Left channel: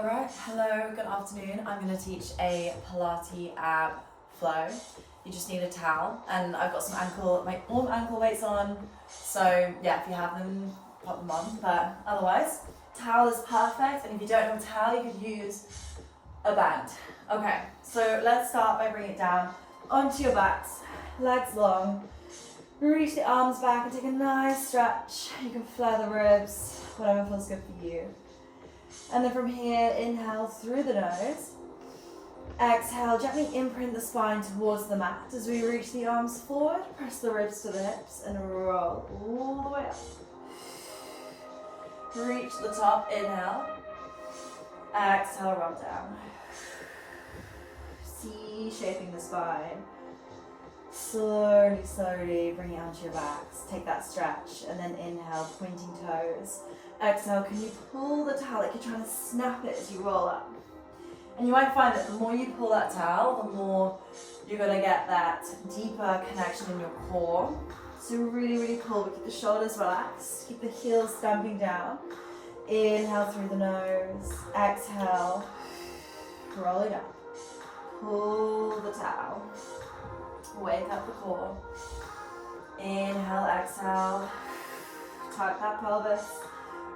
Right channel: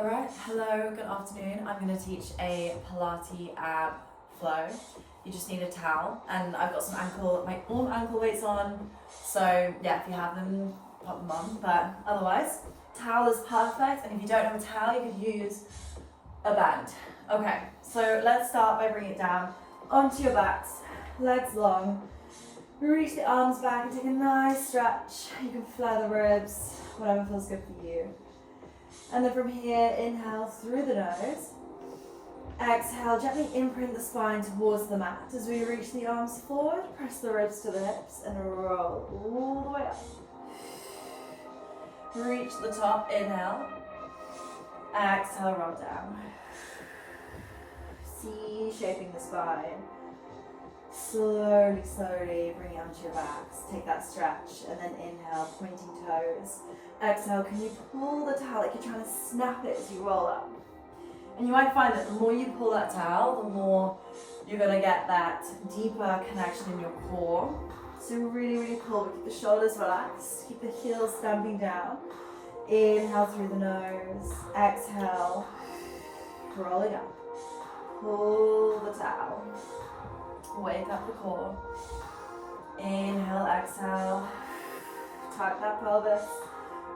Alright, hello, good afternoon. I'm going to teach a Pilates ab flow. You just need a towel, and I've got my warm ankle weights on, so yeah, if you have them, pop them on, but otherwise, towel is perfect, and if you don't have a towel, you could use a band. Okay, so let's start by bringing it down onto your backs, legs long, reach the arms back and take a nice stretch. You can flare the ribs, whatever feels good for you. And then from here, inhale through the nose. Exhale, gently imprint the spine towards the mat as we reach the arms forward, press the ribs to the hips and roll all the way up. Reach the top, inhale. Exhale, roll down. C-shaping the spine. Slowly, slowly bring it onto your backs. Take that stretch and then inhale, pointing toes. Exhale, can you pull the towel like you're trying to snap it as you roll up? And you might find that the more you pull that towel, the more you're going to get that deeper connection in your core. So really, really pull, but keep the shoulders relaxed. Keep the heels stamping down. Inhale through the nose. Exhale, rolling up. Pull the towel. Wake up the core. Inhale, exhale. Tuck that pelvis.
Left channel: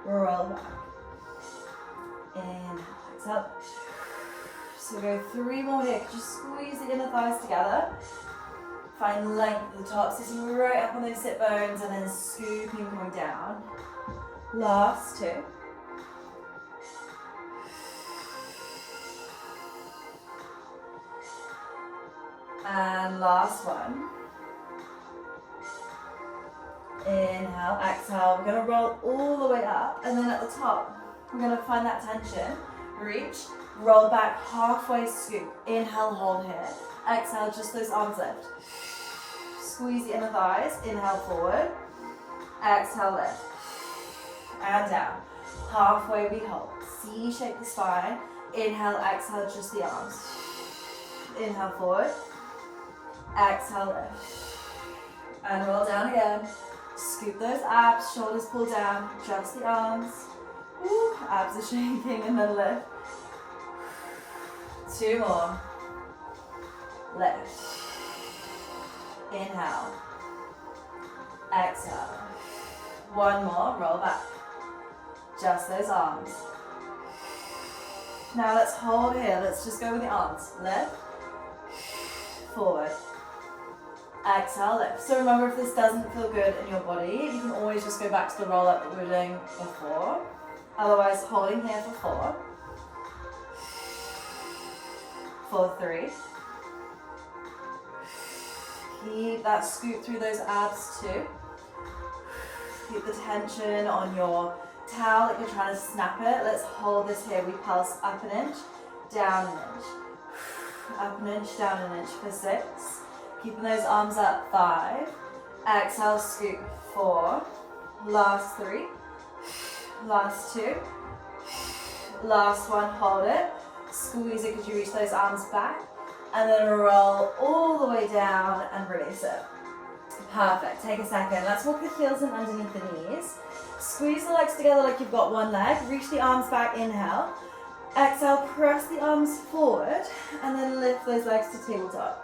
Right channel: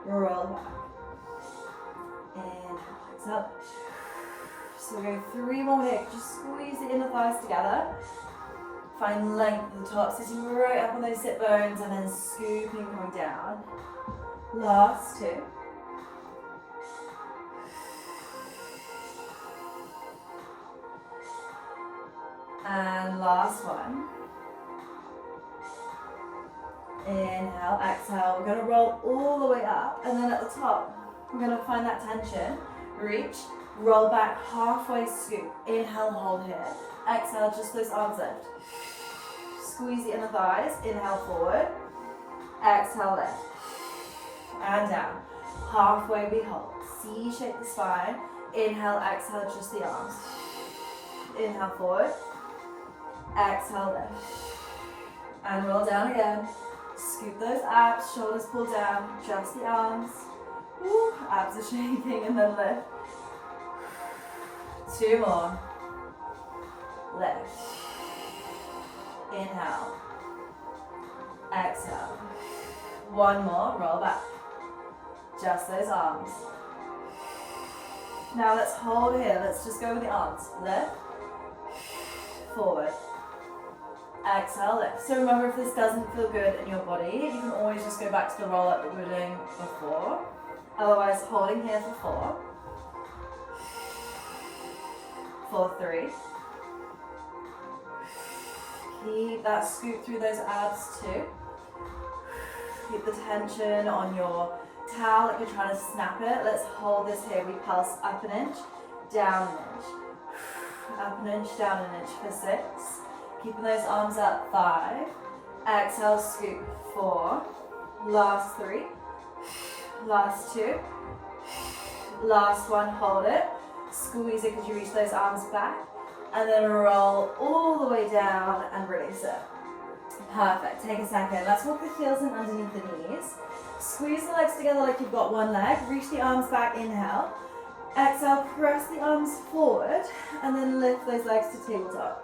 Roll back. Inhale, exhale. So go 3 more here. Just squeeze the inner thighs together. Find length at the top, sitting right up on those sit bones and then scooping, going down. Last 2. And last 1. Inhale, exhale. We're going to roll all the way up, and then at the top, we're going to find that tension. Reach, roll back, halfway scoop. Inhale, hold here. Exhale, just those arms lift. Squeeze the inner thighs. Inhale, forward. Exhale, lift. And down. Halfway, we hold. C-shape the spine. Inhale, exhale, just the arms. Inhale, forward. Exhale, lift. And roll down again. Scoop those abs, shoulders pull down, just the arms. Woo, abs are shaking and then lift. 2 more. Lift. Inhale. Exhale. 1 more, roll back. Just those arms. Now let's hold here, let's just go with the arms. Lift. Forward. Exhale, lift. So remember, if this doesn't feel good in your body, you can always just go back to the roll up that we were doing before. Otherwise, holding here for 4. For 3. Keep that scoop through those abs too. Keep the tension on your towel like you're trying to snap it. Let's hold this here. We pulse up an inch, down an inch. Up an inch, down an inch for 6. Keeping those arms up, 5. Exhale, scoop, 4. Last 3. Last 2. Last 1, hold it. Squeeze it because you reach those arms back. And then roll all the way down and release it. Perfect, take a second. Let's walk the heels in underneath the knees. Squeeze the legs together like you've got one leg. Reach the arms back, inhale. Exhale, press the arms forward. And then lift those legs to tabletop.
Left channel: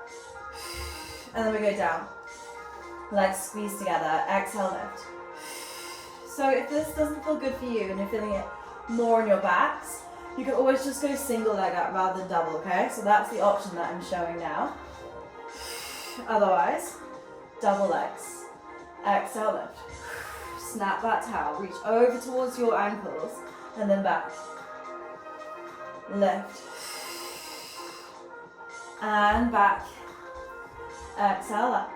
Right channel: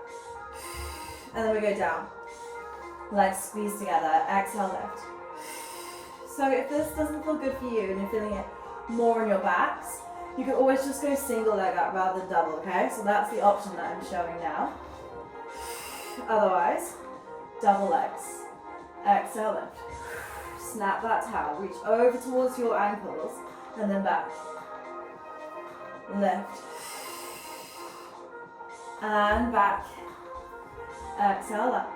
And then we go down. Legs squeeze together. Exhale, lift. So if this doesn't feel good for you and you're feeling it more in your backs, you can always just go single leg up rather than double, okay? So that's the option that I'm showing now. Otherwise, double legs. Exhale, lift. Snap that towel. Reach over towards your ankles and then back. Lift. And back. Exhale up.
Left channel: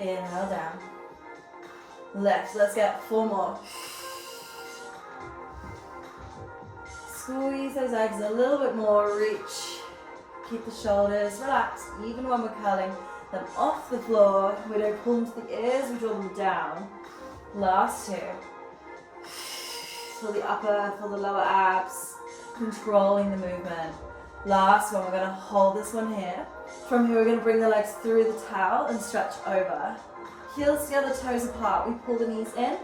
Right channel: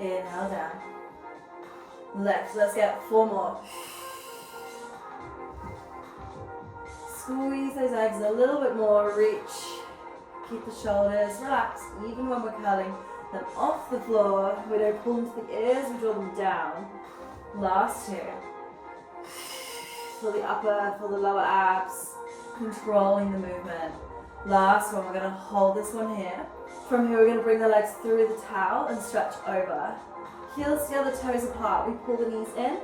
Inhale down. Lift. Let's get 4 more. Squeeze those legs a little bit more. Reach. Keep the shoulders relaxed. Even when we're curling them off the floor, we don't pull them to the ears, we draw them down. Last 2. Feel the upper, feel the lower abs. Controlling the movement. Last one, we're going to hold this one here. From here, we're going to bring the legs through the towel and stretch over. Heels together, toes apart. We pull the knees in,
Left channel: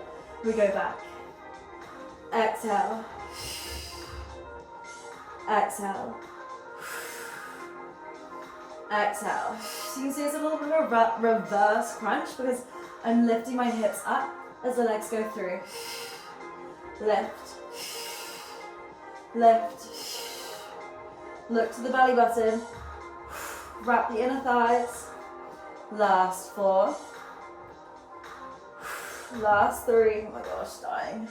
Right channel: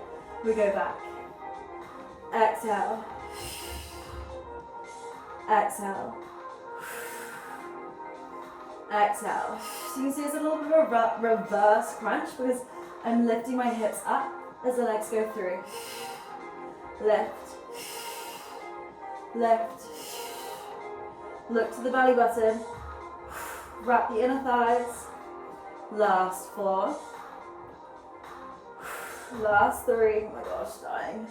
we go back. Exhale. Exhale. Exhale. So you can see it's a little bit of a reverse crunch because I'm lifting my hips up as the legs go through. Lift. Lift. Look to the belly button. Wrap the inner thighs. Last 4. Last 3. Oh my gosh, dying.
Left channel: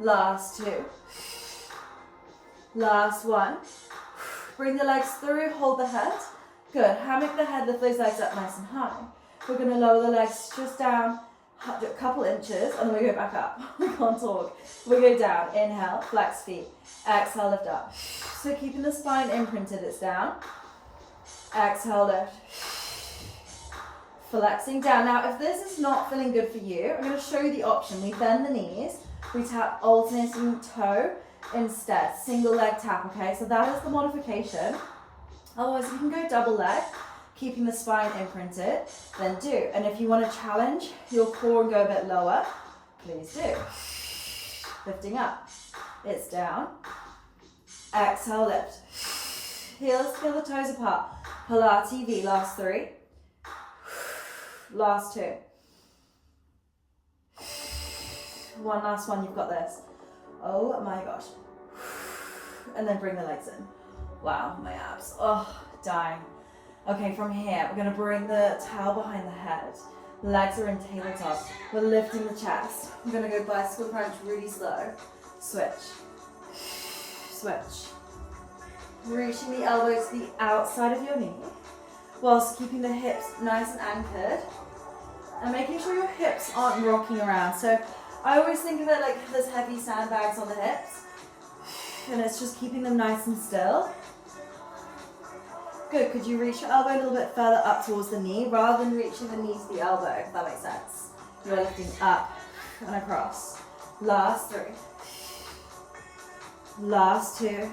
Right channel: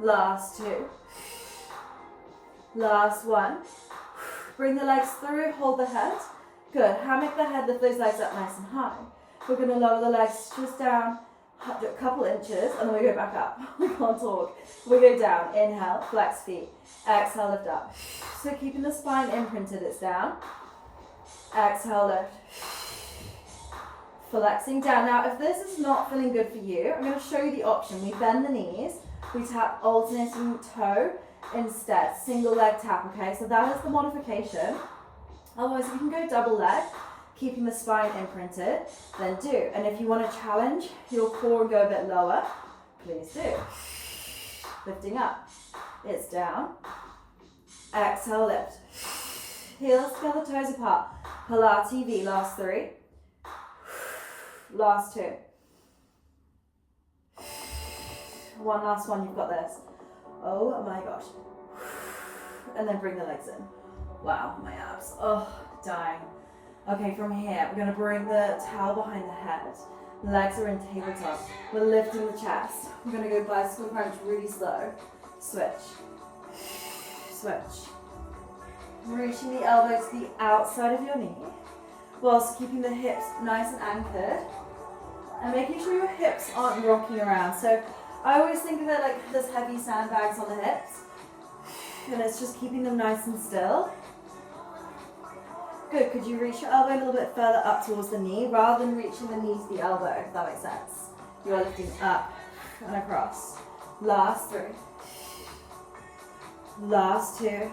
Last 2. Last 1. Bring the legs through, hold the head. Good. Hammock the head, lift those legs up nice and high. We're going to lower the legs just down a couple inches, and then we go back up. We can't talk. We go down. Inhale, flex feet. Exhale, lift up. So keeping the spine imprinted, it's down. Exhale, lift. Flexing down. Now, if this is not feeling good for you, I'm going to show you the option. We bend the knees. We tap alternating toe instead. Single leg tap, okay? So that is the modification. Otherwise, you can go double leg, keeping the spine imprinted, then do. And if you want to challenge your core and go a bit lower, please do. Lifting up. It's down. Exhale, lift. Heels together, toes apart. Pilates V, last 3. Last 2. One last one, you've got this. Oh my gosh. And then bring the legs in. Wow, my abs. Oh, dying. Okay, from here, we're going to bring the towel behind the head. Legs are in tabletop. We're lifting the chest. We're going to go bicycle crunch really slow. Switch. Switch. Reaching the elbow to the outside of your knee, whilst keeping the hips nice and anchored. And making sure your hips aren't rocking around. So I always think of it like there's heavy sandbags on the hips. And it's just keeping them nice and still. Good, could you reach your elbow a little bit further up towards the knee rather than reaching the knee to the elbow, if that makes sense. You're lifting up and across. Last 3. Last 2.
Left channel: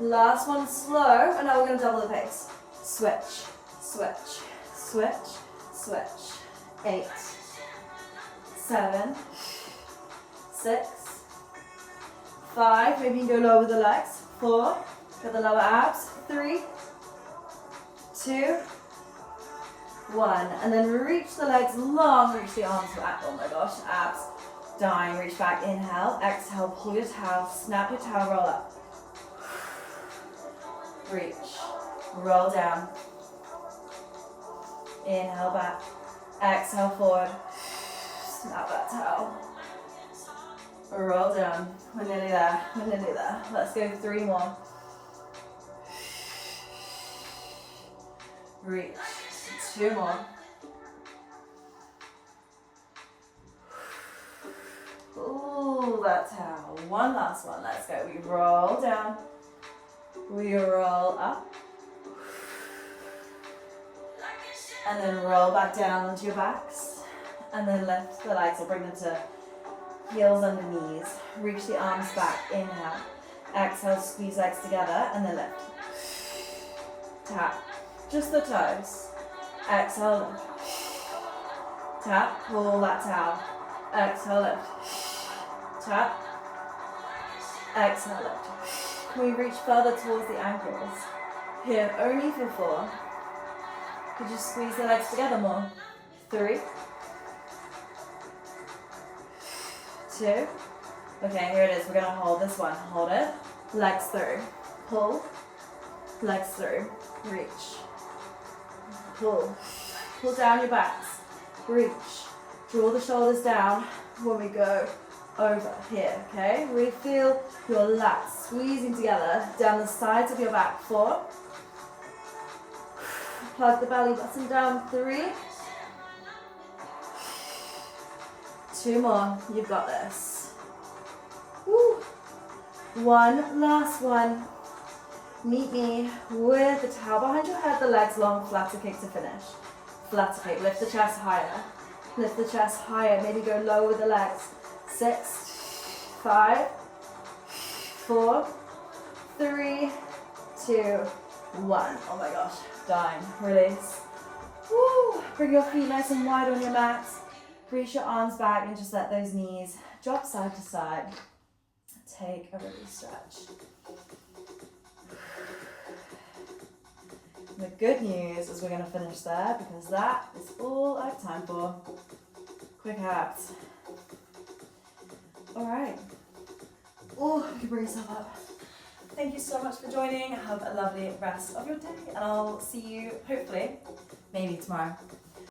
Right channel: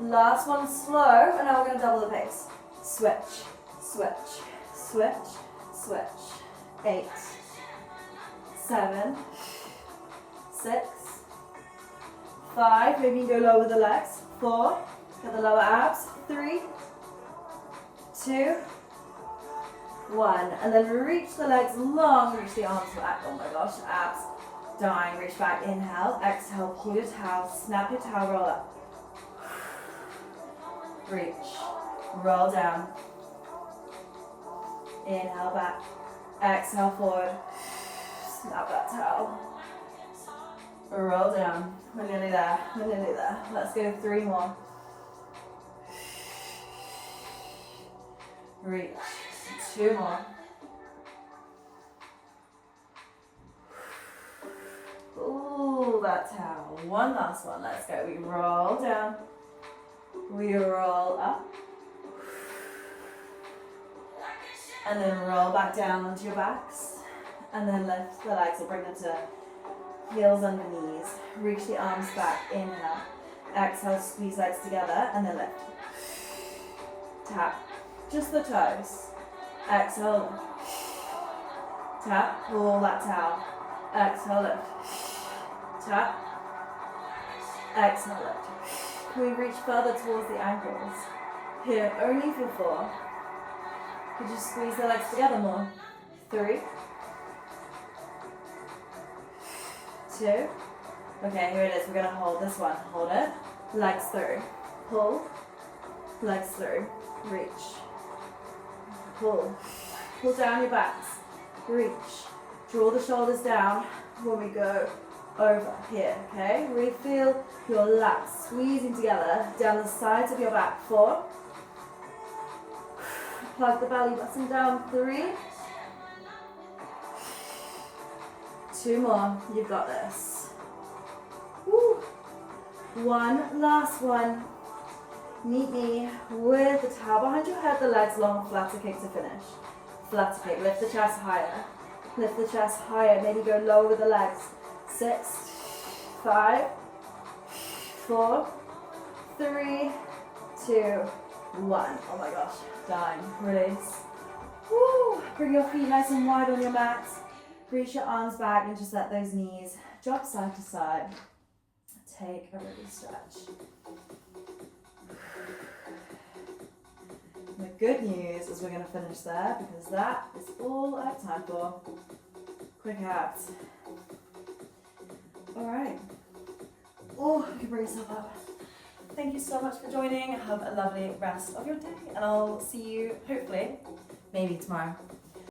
Last one slow, and now we're going to double the pace. Switch, switch, switch, switch. 8, 7, 6, 5, maybe you can go lower the legs. 4, got the lower abs. 3, 2, 1. And then reach the legs long, reach the arms back. Oh my gosh, abs. Dying, reach back, inhale, exhale, pull your towel, snap your towel, roll up. Reach, roll down. Inhale back, exhale forward, snap that towel. Roll down, we're nearly there, we're nearly there. Let's go 3 more. Reach, 2 more. Ooh, that towel. One last one, let's go. We roll down, we roll up, and then roll back down onto your backs, and then lift the legs, or bring them to heels under knees. Reach the arms back, inhale, exhale, squeeze legs together, and then lift. Tap, just the toes. Exhale, lift. Tap, pull that towel. Exhale, lift. Tap, exhale, lift. Can we reach further towards the ankles? Here, only for 4. Could you squeeze the legs together more? 3, 2. Okay, here it is. We're going to hold this one. Hold it. Legs through. Pull. Legs through. Reach. Pull. Pull down your backs. Reach. Draw the shoulders down when we go over here, okay? Really feel your lats squeezing together down the sides of your back. 4. Plug the belly button down. 3. 2 more. You've got this. Woo. One last one. Meet me with the towel behind your head, the legs long, flatter kick to finish. Flatter kick. Lift the chest higher. Lift the chest higher. Maybe go low with the legs. 6, 5, 4, 3, 2, 1. Oh my gosh. Dying. Release. Woo. Bring your feet nice and wide on your mats. Reach your arms back and just let those knees drop side to side. Take a release stretch. The good news is we're going to finish there because that is all I have time for. Quick abs. All right. Oh, you can bring yourself up. Thank you so much for joining. Have a lovely rest of your day, and I'll see you hopefully, maybe tomorrow.